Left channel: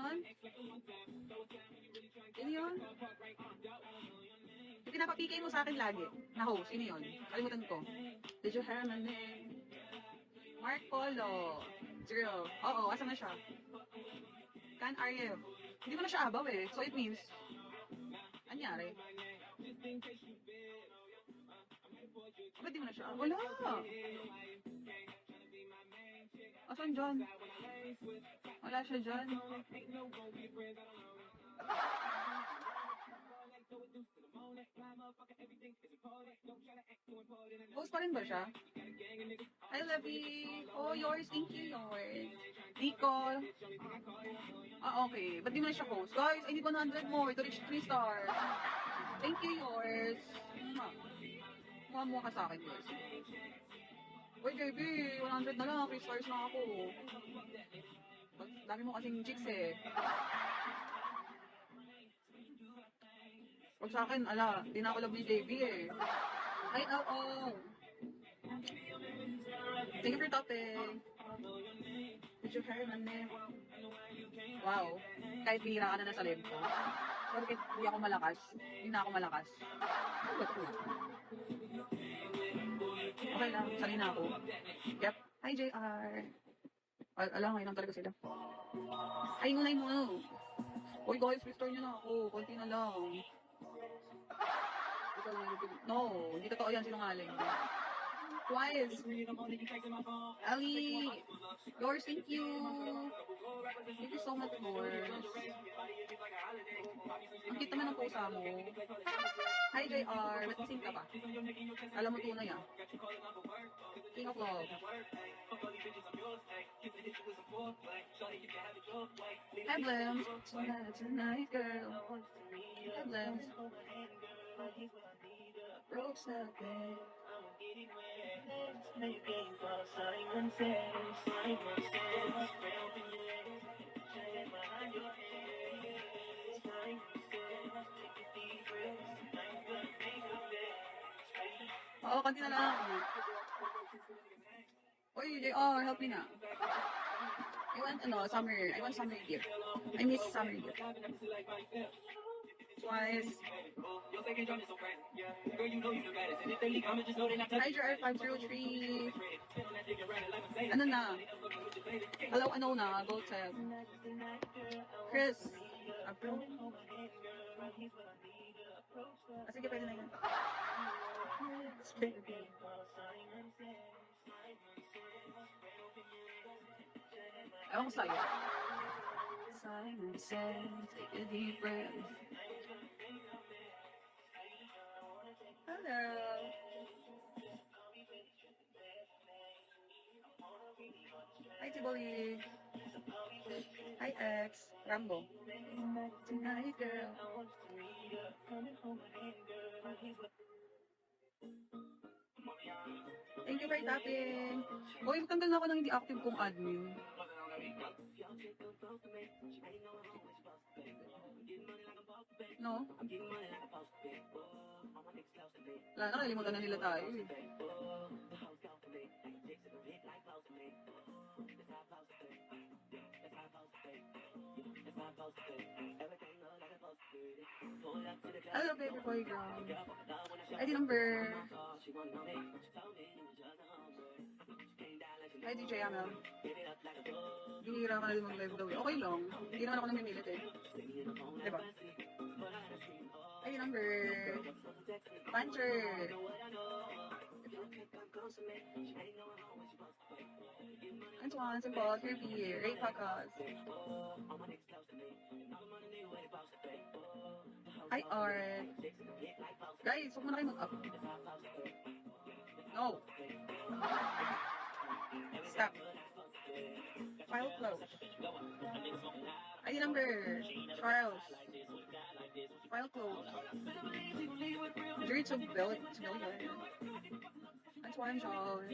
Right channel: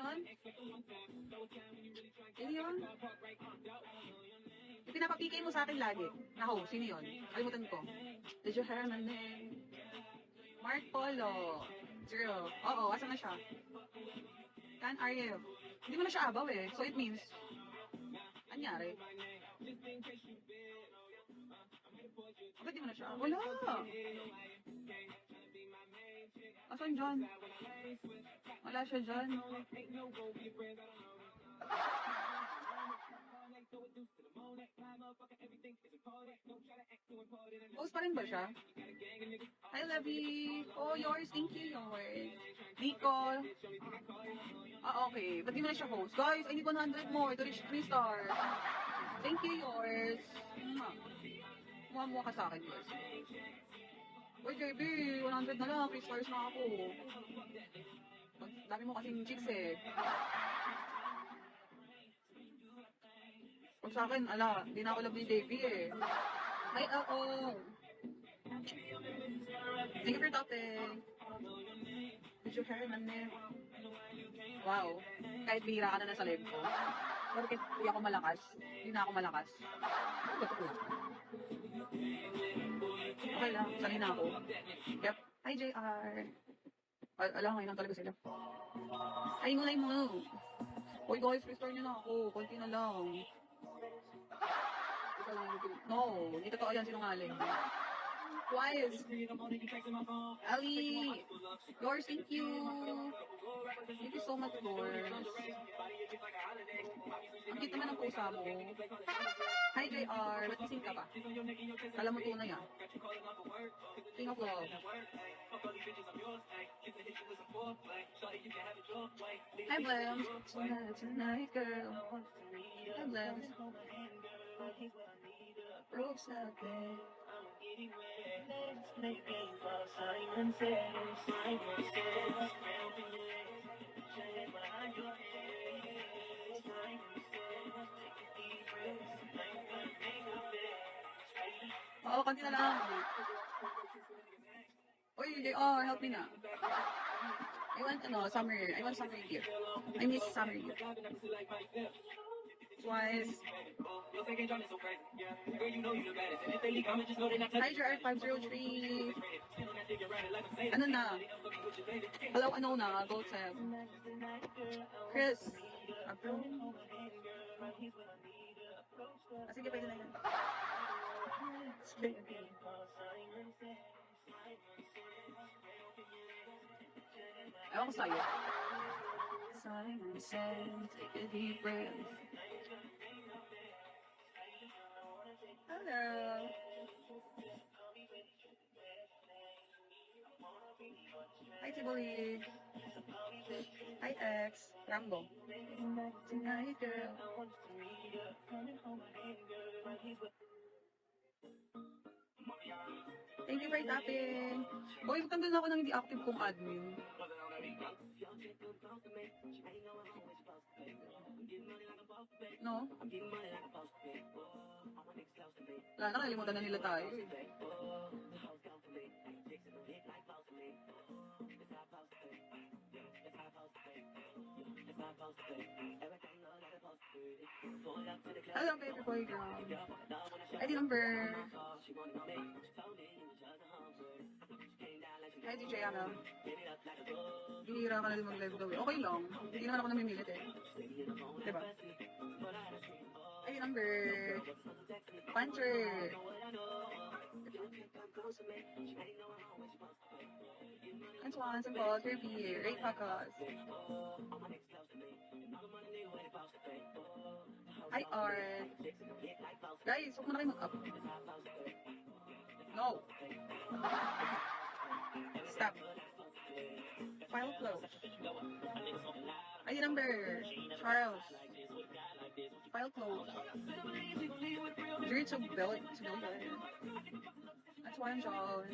yun? Sino yun? Yung pinapapigay mo sa akin lagi. Na host, sino yun? Kalimutan ko. Did you hear my name? Mark Polo. Zero. Oo, asan na siya? Can RF. Hindi mo na siya abaw eh. So it means, anyari? Ba't di mo na siya? Wala! Asan dyan? Wala siya dyan. Post pa rin ba siya? Hi, Levy. Oh, yours. Thank you, yours. Nicole. Ah, okay. Ba't di mo na siya post? Guys, I need 100 more to reach 3 stars. Thank you, yours. Mukha mo ka sa akin, yours. Uy, JB, 100 na lang. 3 stars na ako. Dami mo kasing chicks eh. Huwag sa akin, ala, di na ako love ni JB eh. Ay, ako. Thank you for topic. Did you hear my name? Wow. Kahit bihira ka na nasa live ko. Pero kahit hindi ako malakas, hindi na ako malakas. Ano ba ito? Okay lang, sali na ako. Yep. Hi, JR. Alam, ngayon lang talaga sila. Ay, ngunay mo. Uy, guys, restore niyo na ako. Kunti na lang. No, hindi totoo yan, sinungaling. Twice. Ali, yours, thank you. Thank you so much, yours. Ang cute naman ang pusa mo. Hi, JR. Nagsising ka pa. Alam mo ito na yan. King of Love. Hi, Blams. Tonight, girl. Hi, Blams. Rose up there. Oo, kanina lang. Uy, help me na. I want summer gift. I miss summer gift. Twice. Hi, JR503. Ano na? Ano na? Gold set. Chris. Sige, pwede na yan. Ewan ko sa'yo. Simon says, take a deep breath. Hello. Hi, Tiboy. Hi, X. Rambo. Tonight, girl. Thank you for tapping. Uy, magtanggal na ako ng hindi active kong admin. No? Wala na, kalimutan na nila tayo eh. Hello, baby boy girl. ID number. Hi, DJ Amel. Hihira ka na din mag-live daw. Okay lang. Hindi naman ako namimilit eh. Diba? ID number. Puncher. Antoine, Simple, Kirby, Ray Pacos. Hi, Art. Guys, huwag mo na kayo mag-up. No. Stop. File close. ID number. Charles. File close. Dream to build. That's why I'm Charles.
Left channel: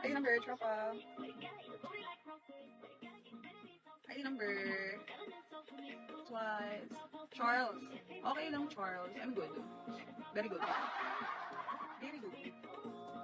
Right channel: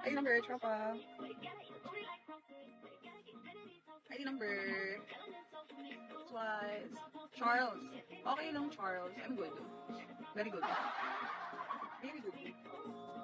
ID number, Tropa. ID number. Twice. Charles. Okay lang, Charles. I'm good. Very good. Very good.